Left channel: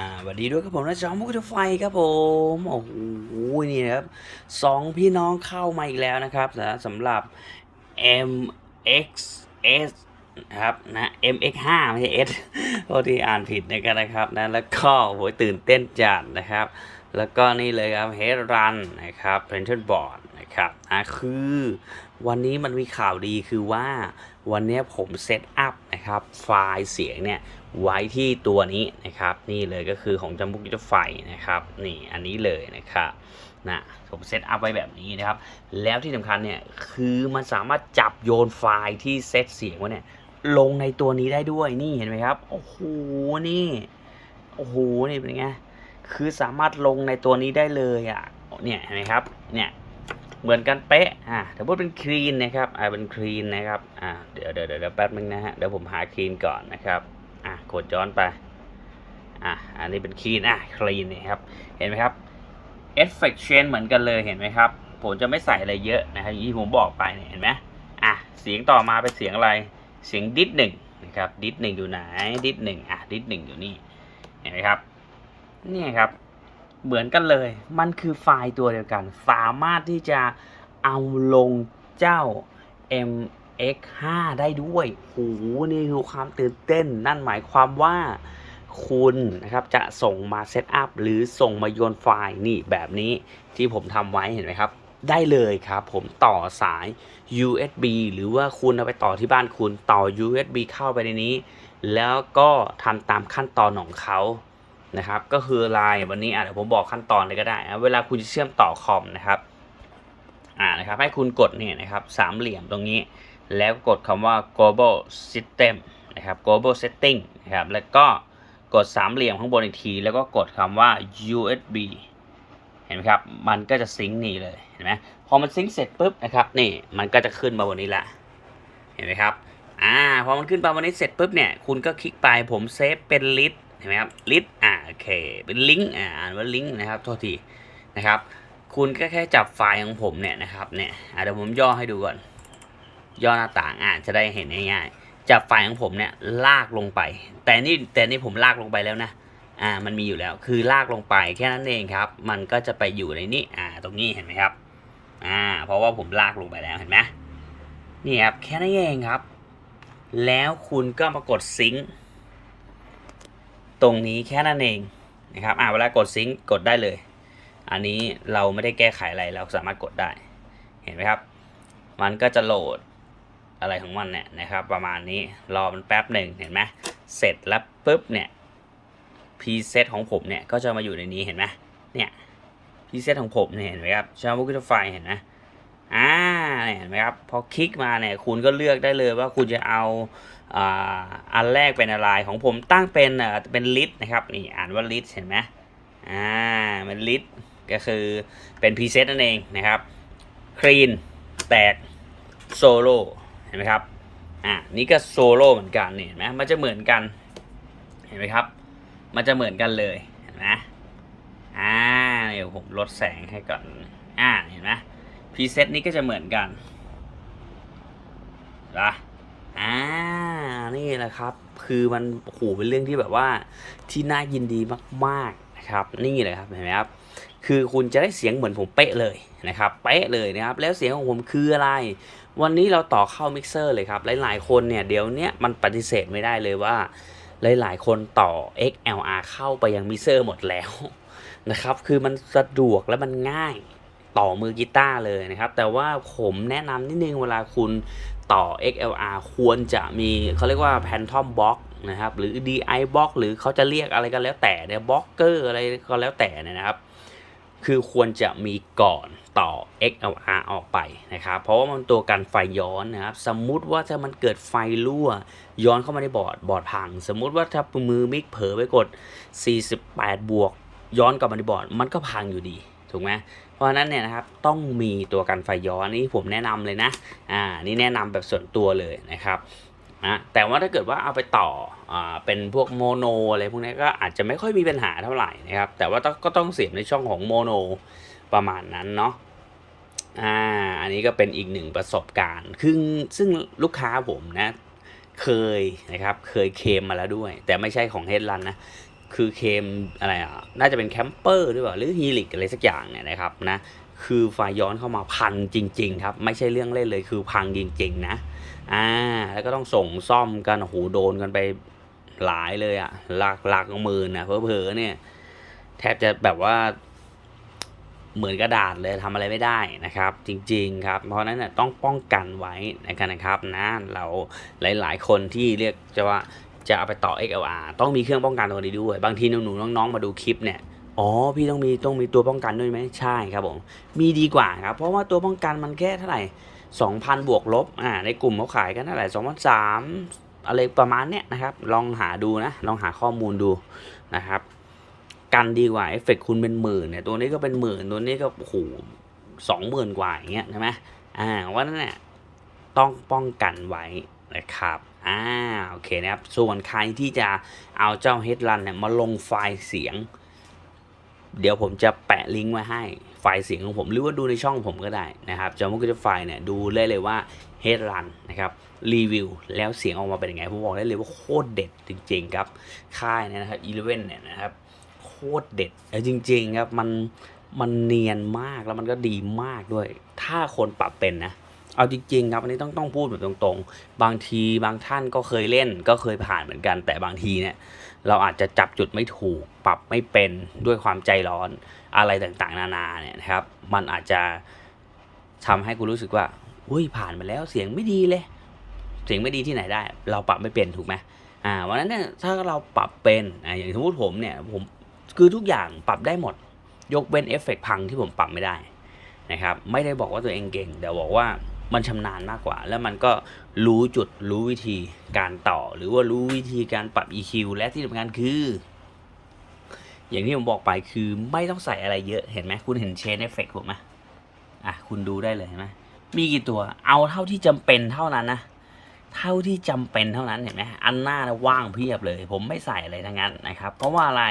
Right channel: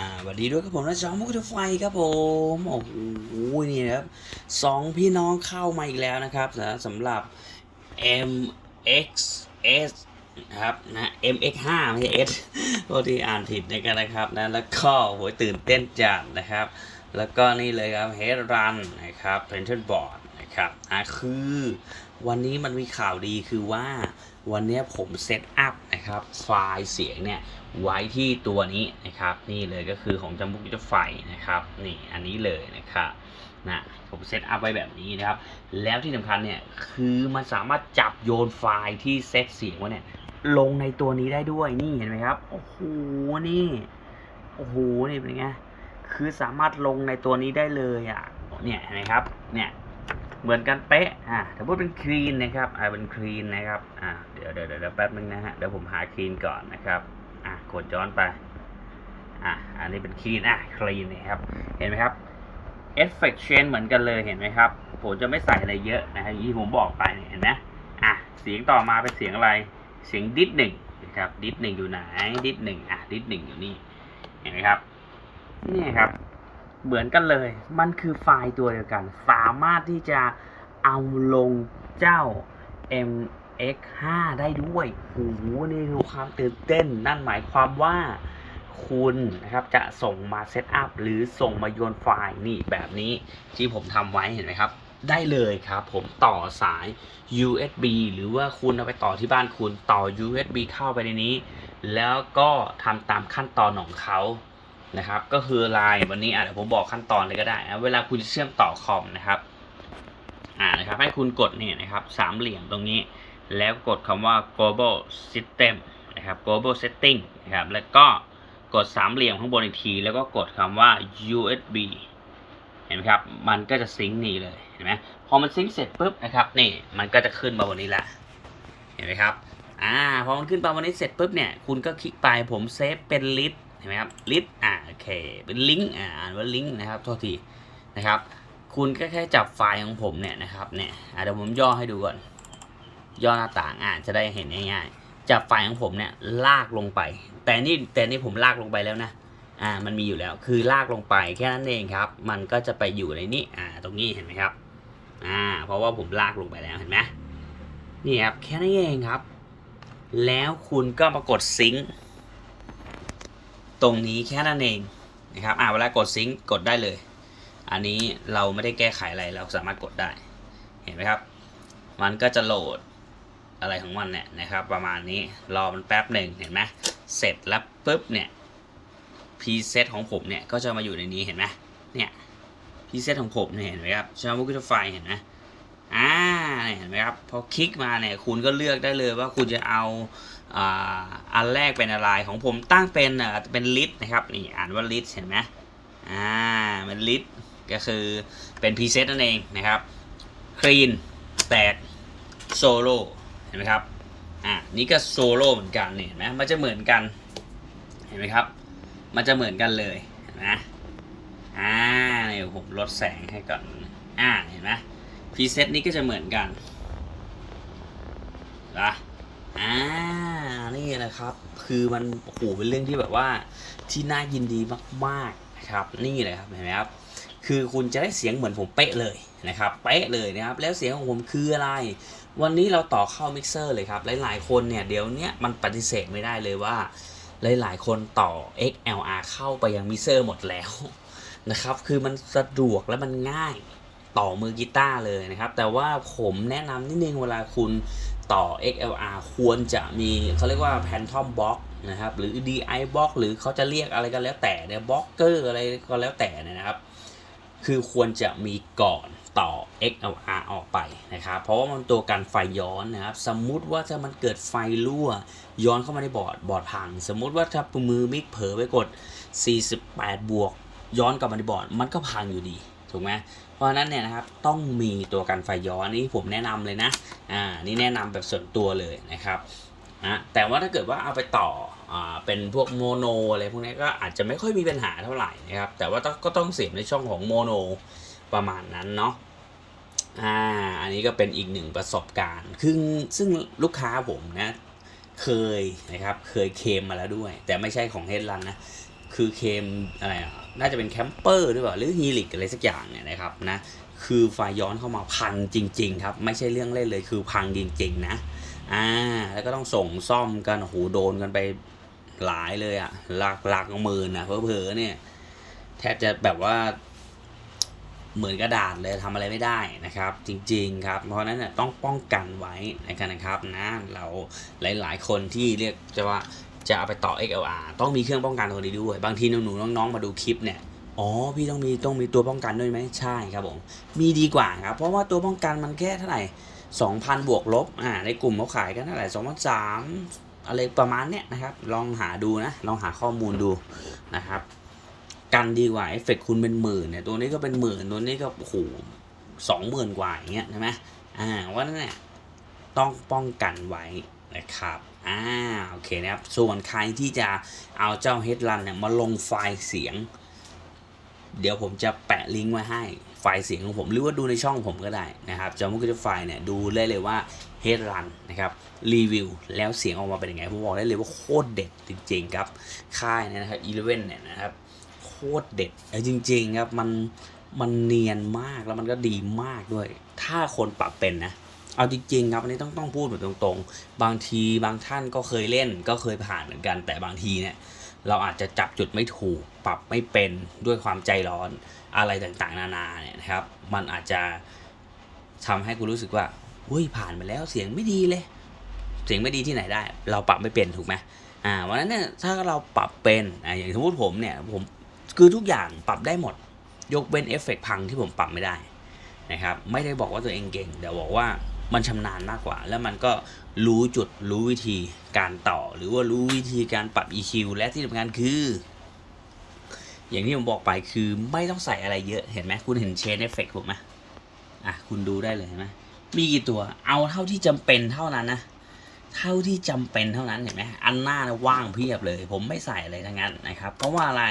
อ่าสวัสดีด้วยครับผมนะจอมมุกไฟครับผมโอ้โหนี่นะครับสองพี่น้องเข้ามาอีกแล้วนะครับสำหรับ MXS นะครับนะ MX5 ไม่ใช่ S โทษที่อ่านผิดในกันนะครับนะแล้วก็โหตื่นเต้นจัดนะครับ แล้วก็นี่เลยครับ Head Run นะครับ p r i n t e r Board นะครับอะคือวันนี้มันมีข่าวดีคือว่าวันนี้ผมเซตอัพนะครับไฟล์เสียงเนี่ยไว้ที่ตัวนี้นะครับ นี่เลยก็คือของจัมบุกิจไฟนะครับนี่อันนี้เลยนะครับนะผมเซตอัพไว้แบบนี้นะครับ แล้วที่สำคัญเนี่ยคือมันสามารถจับโยนไฟล์ที่เซตเสียงไว้เนี่ยลงในตัวนี้ได้ด้วยนี่เห็นไหมครับโอ้โหนี่โอ้โหนี่เป็นไงคือสามารถลงในตัวนี้ได้เลยอะเนี่ยเห็นไหมครับเนี่ย เหมือนกันเป๊ะอ่าแต่พูดเป็นคลีนนะครับอ่าเป็นคลีนนะครับอ่าเดี๋ยวเดี๋ยวเดี๋ยวแป๊บนึงนะฮะเดี๋ยวผมหาคลีนก่อนนะครับอะกดย้อนไปอะอันนี้เป็นคลีนอะคลีนเนี่ยครับเห็นไหมครับเอฟเฟกต์เชนเหมือนกันเลยเห็นไหมครับ ผมจะไม่ใส่อะไรเยอะนะครับอย่างที่ผมบอกไปเนี่ยเห็นไหมอะเสียงต่อมาเป็นเสียงอะไรเสียงดิสหนึ่งนะครับดิสหนึ่งอยู่ไหนดิสหนึ่งอะดิสหนึ่งอยู่นี่เห็นไหมครับนี่ครับ เหมือนกันเลย มันคือไฟล์ตัวเดียวกัน สามารถที่จะเอาลงเจ้า MX5 ได้ด้วยโหนี่คือความตื่นเต้น นั่นหมายความว่าคุณนะครับจะส่งมาเซตอัพหรือส่งมาโยนไฟล์นี่แบบนี้ที่ผมทำไว้เห็นไหมครับได้เลยครับผมต่อสาย USB หรือว่าคุณเอาไปต่อที่บ้านคุณต่อ USB เข้าไปในนี้ แล้วก็ทำตามขั้นตอนของเขา นะครับ ก็คือไลน์วันนี้อะเดี๋ยวผมบอกขั้นตอนเลยก็ได้นะเวลาคุณจะเชื่อมต่อคอมนะครับอ่านะครับ ให้คุณกดเนี่ยนะครับสามเหลี่ยมตรงนี้ แล้วกดคำว่า global system นะครับ global setting นะครับแล้วก็กดสามเหลี่ยมข้างบนอีกที แล้วก็กดคำว่า USB เห็นไหมครับ มันก็จะซิงค์นี่เลยเห็นไหมพอมันซิงค์เสร็จปุ๊บนะครับนี่มันก็จะขึ้นมาบนนี้แหละเห็นไหมครับอ่าพอมันขึ้นมาบนนี้เสร็จปุ๊บเนี่ยคุณก็คลิกไปผมเซฟเป็นลิส เห็นไหมครับลิสอ่าโอเคเป็นลิงก์อ่าอ่านว่าลิงก์นะครับโทษทีนะครับ คุณก็แค่จับไฟล์ของผมเนี่ยนะครับเนี่ยเดี๋ยวผมย่อให้ดูก่อน ย่อหน้าต่างอ่านจะได้เห็นง่ายๆจากไฟล์ของผมเนี่ยลากลงไป แต่นี่แต่นี่ผมลากลงไปแล้วนะอ่ามันมีอยู่แล้วคือลากลงไปแค่นั้นเองครับ มันก็จะไปอยู่ในนี้อ่าตรงนี้เห็นไหมครับอ่าเพราะว่าผมลากลงไปแล้วเห็นไหมนี่ครับแค่นั้นเองครับ แล้วคุณก็มากดซิงค์ ตรงนี้แค่นั้นเองนะครับอ่าเวลากดซิงค์กดได้เลย อันนี้เราไม่ได้แก้ไขอะไรเราสามารถกดได้เห็นไหมครับ มันก็จะโหลดอะไรของมันเนี่ยนะครับ ประมาณนี้รอมันแป๊บหนึ่งเห็นไหมเสร็จแล้วปุ๊บเนี่ยพรีเซตของผมเนี่ยก็จะมาอยู่ในนี้เห็นไหมเนี่ยพรีเซตของผมเนี่ยเห็นไหมครับชาบุกิไฟเห็นไหม อ่าเห็นไหมครับพอคลิกมาเนี่ยคุณก็เลือกได้เลยว่าคุณจะเอาอ่าอันแรกเป็นอะไรของผมตั้งเป็นอ่าเป็นลิสนะครับนี่อ่านว่าลิสเห็นไหมอ่าเป็นลิสก็คือเป็นพรีเซตนั่นเองนะครับคลีนแตกโซโล่เห็นไหมครับอ่านี่ก็โซโล่เหมือนกันเนี่ยเห็นไหมมันจะเหมือนกันเห็นไหมครับ มันจะเหมือนกันเลยเห็นไหมอ่าเดี๋ยวผมลดแสงให้ก่อนอ่าเห็นไหม พรีเซตนี้ก็จะเหมือนกันนะอ่า นี่แหละครับ คือมันโอ้โหเป็นเรื่องที่แบบว่าที่น่ายินดีมากๆนะครับ นี่เลยครับเห็นไหมครับ คือคุณจะได้เสียงเหมือนผมเป๊ะเลยนะครับ เป๊ะเลยนะครับ แล้วเสียงของผมคืออะไร วันนี้เราต่อเข้ามิกเซอร์เลยครับ หลายๆ คนเนี่ยเดี๋ยวนี้มันปฏิเสธไม่ได้เลยว่า หลายๆ คนต่อ XLR เข้าไปยังมิกเซอร์หมดแล้วนะครับ คือมันสะดวกและมันง่าย ต่อมือกีตาร์เลยนะครับ แต่ว่าผมแนะนำนิดนึงเวลาคุณต่อ XLR ควรจะมีเขาเรียกว่า Phantom Box นะครับหรือ DI Box หรือเขาจะเรียกอะไรก็แล้วแต่เนี่ยบล็อกเกอร์อะไรก็แล้วแต่นะครับ คือควรจะมีก่อนต่อ XLR ออกไปนะครับ เพราะว่ามันตัวกันไฟย้อนนะครับ สมมุติว่าถ้ามันเกิดไฟรั่ว ย้อนเข้ามาในบอร์ดบอร์ดพัง สมมุติว่าถ้ามือมิกเผลอไปกด 48 บวก ย้อนกลับมาในบอร์ด มันก็พังอยู่ดี ถูกไหม ราะนั้นเนี่ยนะครับต้องมีตัวกันไฟย้อนนี่ผมแนะนำเลยนะอ่านี่แนะนำแบบส่วนตัวเลยนะครับนะแต่ว่าถ้าเกิดว่าเอาไปต่ออ่าเป็นพวกโมโนอะไรพวกนี้ก็อาจจะไม่ค่อยมีปัญหาเท่าไหร่นะครับ แต่ว่าก็ต้องเสียบในช่องของโมโนประมาณนั้นเนาะอ่าอันนี้ก็เป็นอีกหนึ่งประสบการณ์ซึ่งซึ่งลูกค้าผมนะเคยนะครับเคยเคมมาแล้วด้วย แต่ไม่ใช่ของเฮดลันนะ คือเคมอะไรอะน่าจะเป็นแคมเปอร์หรือเปล่าหรือฮีลิกอะไรสักอย่างเนี่ยนะครับนะคือไฟย้อนเข้ามาพังจริง ๆ ครับ ไม่ใช่เรื่องเล่นเลยคือพังจริง ๆ นะอ่าแล้วก็ต้องส่งซ่อมกันโอ้โหโดนกันไปหลายเลยอะหลักหลักหมื่นอะเพอๆเนี่ยแทบจะแบบว่าเหมือนกระดาษเลยทำอะไรไม่ได้นะครับ จริง ๆ ครับ เพราะนั้นนะต้องป้องกันไว้นะครับนะเราหลาย ๆ คนที่เรียกจะว่า จะเอาไปต่อ XLR ต้องมีเครื่องป้องกันตัวนี้ด้วย บางทีหนูๆน้องๆมาดูคลิปเนี่ยอ๋อพี่ต้องมีต้องมีตัวป้องกันด้วยไหมใช่ครับผมมีดีกว่าครับ เพราะว่าตัวป้องกันมันแค่เท่าไหร่2,000 บวกลบอ่าในกลุ่มเขาขายกันเท่าไหร่2,300อะไรประมาณเนี้ยนะครับ ลองหาดูนะ ลองหาข้อมูลดูนะครับ กันดีกว่าเอฟเฟกคุณเป็นหมื่นเนี่ยตัวนี้ก็เป็นหมื่นตัวนี้ก็โอ้โหสองหมื่นกว่าอย่างเงี้ยใช่ไหมอ่าว่านั่นแหละต้องป้องกันไว้นะครับ อ่าโอเคนะครับ ส่วนใครที่จะเอาเจ้า Headrun เนี่ยมาลงไฟล์เสียง เดี๋ยวผมจะแปะลิงก์ไว้ให้ไฟล์เสียงของผม หรือว่าดูในช่องผมก็ได้นะครับจอมุกจะไฟล์เนี่ยดูได้เลยว่า Headrun นะครับรีวิวแล้วเสียงออกมาเป็นยังไงผมบอกได้เลยว่าโคตรเด็ดจริง ๆ ครับ ค่ายเนี่ยนะครับ11เนี่ยนะครับโคตรเด็ดเออจริง ๆ ครับ มันมันเนียนมากแล้วมันก็ดีมากด้วย ถ้าคนปรับเป็นนะ เอาจริงๆครับอันนี้ต้องต้องพูดแบบตรงๆ บางทีบางท่านก็เคยเล่นก็เคยผ่านเหมือนกัน แต่บางทีเนี่ยเราอาจจะจับจุดไม่ถูก ปรับไม่เป็นด้วยความใจร้อนอะไรต่างๆ นานาเนี่ยนะครับ มันอาจจะทำให้คุณรู้สึกว่าอุ้ยผ่านมาแล้วเสียงไม่ดีเลย เสียงไม่ดีที่ไหนได้ เราปรับไม่เป็นถูกไหมอ่าวันนั้นเนี่ยถ้าเราปรับเป็นอ่าอย่างสมมติผมเนี่ยผมคือทุกอย่างปรับได้หมด ยกเว้นเอฟเฟกต์พังที่ผมปรับไม่ได้นะครับ ไม่ได้บอกว่าตัวเองเก่งแต่บอกว่า มันชำนาญมากกว่า แล้วมันก็รู้จุดรู้วิธีการต่อ หรือว่ารู้วิธีการปรับ EQ และที่สำคัญคือ อย่างที่ผมบอกไปคือไม่ต้องใส่อะไรเยอะเห็นไหมคุณเห็นเชนเอฟเฟกผมไหมอะคุณดูได้เลยเห็นไหมมีกี่ตัวเอาเท่าที่จำเป็นเท่านั้นนะเท่าที่จำเป็นเท่านั้นเห็นไหมอันหน้านะว่างเพียบเลย ผมไม่ใส่อะไรทั้งนั้นนะครับ เพราะว่าอะไร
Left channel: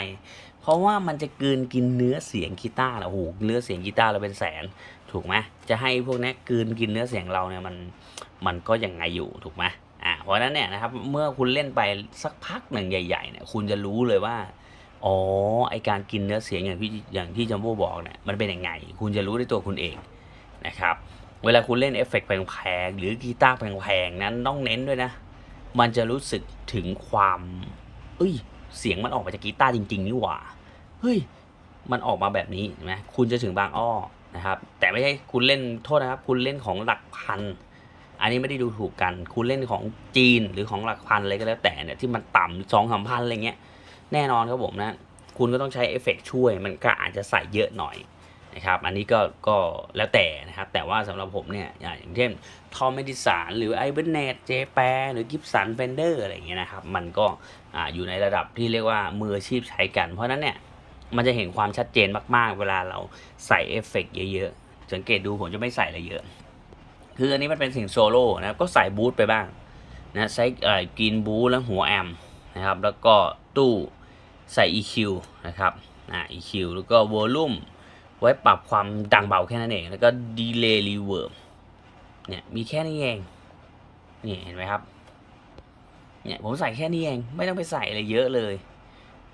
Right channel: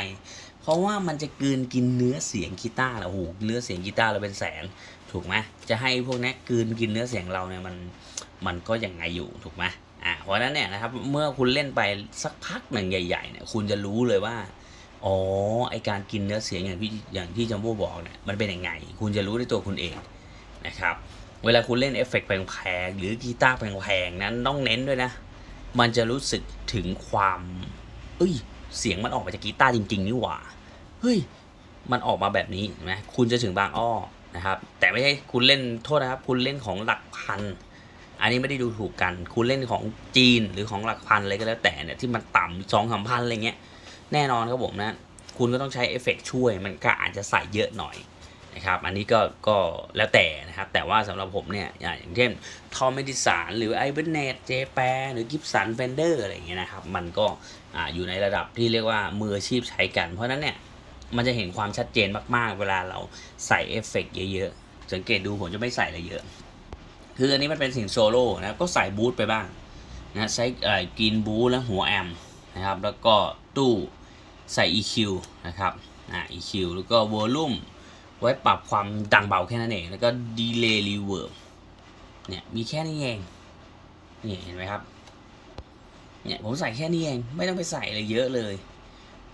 เพราะว่ามันจะกลืนกินเนื้อเสียงกีตาร์แหละโอ้โหเนื้อเสียงกีตาร์เราเป็นแสน ถูกไหมจะให้พวกนี้กืนกินเนื้อเสียงเราเนี่ยมันมันก็ยังไงอยู่ถูกไหมอ่าเพราะฉะนั้นเนี่ยนะครับเมื่อคุณเล่นไปสักพักหนึ่งใหญ่ๆเนี่ยคุณจะรู้เลยว่าอ๋อไอการกินเนื้อเสียงอย่างที่อย่างที่จัมโบ้บอกเนี่ยมันเป็นยังไง คุณจะรู้ด้วยตัวคุณเองนะครับเวลาคุณเล่นเอฟเฟกต์แพงๆหรือกีตาร์แพงๆนั้นต้องเน้นด้วยนะ มันจะรู้สึกถึงความ เอ้ย เสียงมันออกมาจากกีตาร์จริง ๆ นี่หว่า เฮ้ย มันออกมาแบบนี้เห็นไหมคุณจะถึงบางอ้อ นะครับ แต่ไม่ใช่คุณเล่นโทษนะครับ คุณเล่นของหลักพัน อันนี้ไม่ได้ดูถูกกัน คุณเล่นของจีนหรือของหลักพันอะไรก็แล้วแต่เนี่ยที่มันต่ำสองสามพันอะไรเงี้ยแน่นอนครับผมนะ คุณก็ต้องใช้เอฟเฟกต์ช่วย มันก็อาจจะใส่เยอะหน่อยนะครับ อันนี้ก็ก็แล้วแต่นะครับ แต่ว่าสำหรับผมเนี่ยอย่างเช่นทอมเมดิสานหรือไอเบนเนตเจแปหรือกิฟสันเฟนเดอร์อะไรอย่างเงี้ยนะครับ มันก็ออยู่ในระดับที่เรียกว่ามืออาชีพใช้กัน เพราะนั้นเนี่ย มันจะเห็นความชัดเจนมากๆ เวลาเราใส่เอฟเฟกต์เยอะๆ สังเกตดูผมจะไม่ใส่อะไรเยอะ คืออันนี้มันเป็นสิ่งโซโล่นะครับ ก็ใส่บูทไปบ้างนะใช้กินบูทแล้วหัวแอมนะครับ แล้วก็ตู้ใส่ EQ นะครับอ่า EQ แล้วก็วอลลุ่มไว้ปรับความดังเบาแค่นั้นเอง แล้วก็ดีเลย์รีเวิร์บเนี่ยมีแค่นี้เองนี่เห็นไหมครับเนี่ยผมใส่แค่นี้เองไม่ต้องไปใส่อะไรเยอะเลย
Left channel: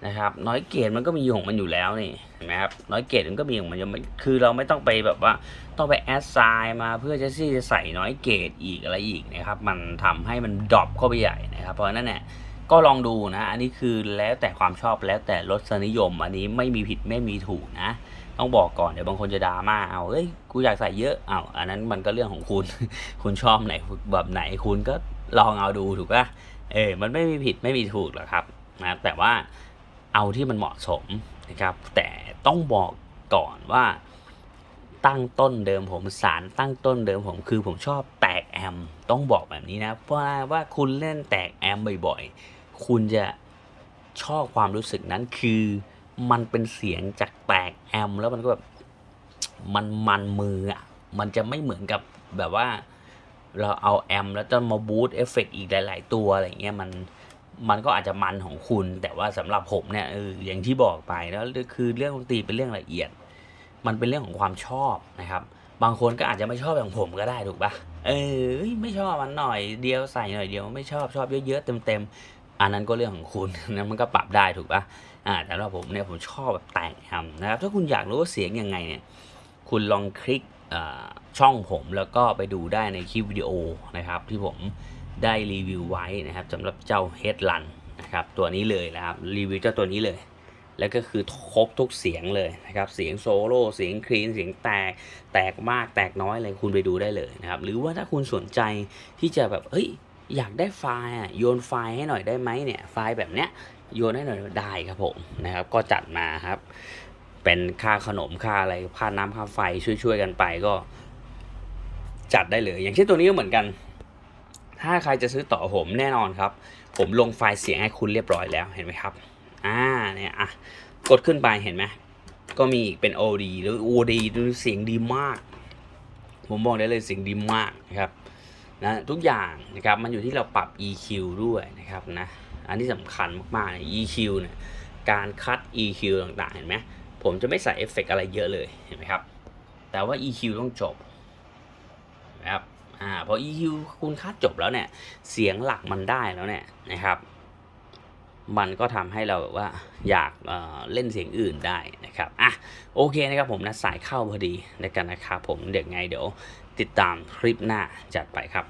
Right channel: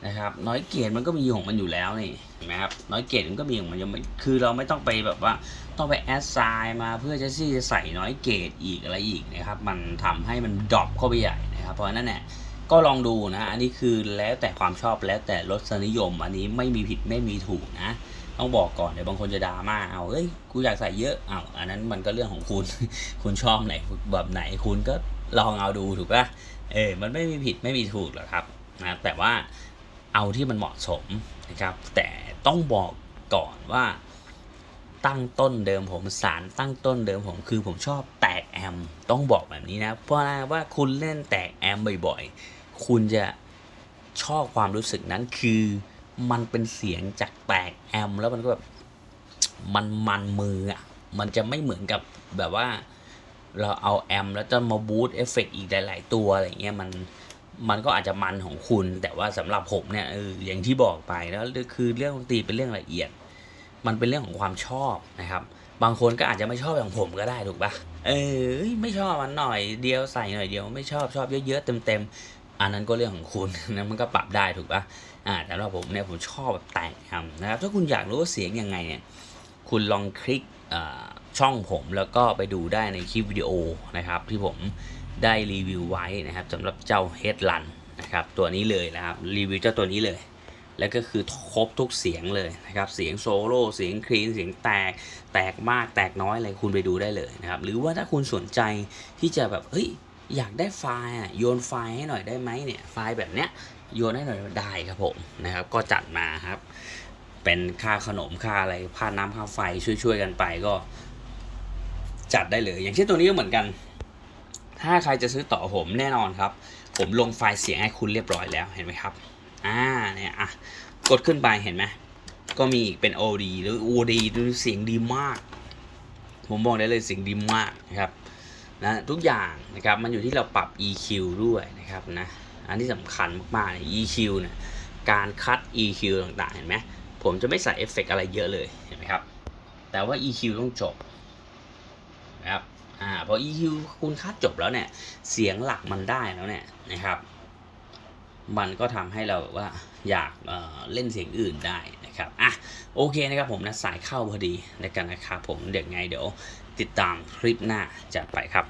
นะครับ น้อยเกรดมันก็มีของมันอยู่แล้วนี่เห็นไหมครับน้อยเกรดมันก็มีของมันอยู่คือเราไม่ต้องไปแบบว่าต้องไปแอดไซน์มาเพื่อจะที่จะใส่น้อยเกรดอีกอะไรอีกนะครับ มันทำให้มันดรอปเข้าไปใหญ่นะครับเพราะฉะนั้นเนี่ยก็ลองดูนะ อันนี้คือแล้วแต่ความชอบแล้วแต่รสนิยม อันนี้ไม่มีผิดไม่มีถูกนะ ต้องบอกก่อนเดี๋ยวบางคนจะดราม่าเอาเอ้ยกูอยากใส่เยอะเอาอันนั้นมันก็เรื่องของคุณ คุณชอบไหนแบบไหนคุณก็ลองเอาดูถูกปะเออมันไม่มีผิดไม่มีถูกหรอกครับนะแต่ว่า เอาที่มันเหมาะสมนะครับ แต่ต้องบอกก่อนว่าตั้งต้นเดิมผมสารตั้งต้นเดิมผมคือผมชอบแตกแอม ต้องบอกแบบนี้นะ เพราะว่าคุณเล่นแตกแอมบ่อยๆ คุณจะชอบความรู้สึกนั้นคือมันเป็นเสียงจากแตกแอม แล้วมันก็แบบมันมันมืออะมันจะไม่เหมือนกับแบบว่า เราเอาแอม แล้วจะมาบูตเอฟเฟกอีกหลาย ๆ ตัวอะไรเงี้ยมัน มันก็อาจจะมันของคุณ แต่ว่าสำหรับผมเนี่ยเอออย่างที่บอกไปแล้วคือเรื่องดนตรีเป็นเรื่องละเอียด มันเป็นเรื่องของความชอบนะครับ บางคนก็อาจจะไม่ชอบอย่างผมก็ได้ถูกปะเออไม่ชอบมันหน่อยเดียวใส่หน่อยเดียวไม่ชอบชอบเยอะๆเต็มๆอันนั้นก็เรื่องของคุณนะมันก็ปรับได้ถูกปะอ่าแต่ว่าผมเนี่ยผมชอบแบบแต่งทำนะครับ ถ้าคุณอยากรู้ว่าเสียงยังไงเนี่ยคุณลองคลิกช่องผมแล้วก็ไปดูได้ในคลิปวิดีโอนะครับ ที่ผม ได้รีวิวไว้นะครับสำหรับเจ้า Headrun นะครับตัวนี้เลยนะครับรีวิวเจ้าตัวนี้เลย แล้วก็คือครบทุกเสียงเลยนะครับเสียงโซโล่เสียงคลีนเสียงแตกแตกมากแตกน้อยอะไรคุณไปดูได้เลยนะครับหรือว่าถ้าคุณสนใจที่จะแบบเฮ้ยอยากได้ไฟล์อะโยนไฟล์ให้หน่อยได้ไหมเนี่ยไฟล์แบบเนี้ยโยนให้หน่อยได้ครับผมนะครับก็จัดมาครับ เป็นค่าขนมค่าอะไรค่าน้ำค่าไฟช่วยๆกันไปก็จัดได้เลย อย่างเช่นตัวนี้ก็เหมือนกัน ถ้าใครจะซื้อต่อผมแน่นอนครับ ผมลงไฟล์เสียงให้คุณเรียบร้อยแล้วเห็นไหมครับ อ่าเนี่ยอะกดขึ้นไปเห็นไหมก็มีอีกเป็น OD หรือ OD ดูเสียงดีมาก ผมบอกได้เลยเสียงดีมากนะครับนะทุกอย่างนะครับมันอยู่ที่เราปรับ EQ ด้วยนะครับนะอันที่สำคัญมากๆเนี่ย EQ เนี่ยการคัด EQ ต่างๆ เห็นไหมผมจะไม่ใส่เอฟเฟกต์อะไรเยอะเลย เห็นไหมครับ แต่ว่า EQ ต้องจบนะครับ อ่าพอ EQ คุณค่าจบแล้วเนี่ย เสียงหลักมันได้แล้วเนี่ยนะครับ มันก็ทำให้เราแบบว่าอยากเเล่นเสียงอื่นได้นะครับอะโอเคนะครับผมนะสายเข้าพอดีในกันนะครับผมเดี๋ยวไงเดี๋ยวติดตามคลิปหน้าจัดไปครับ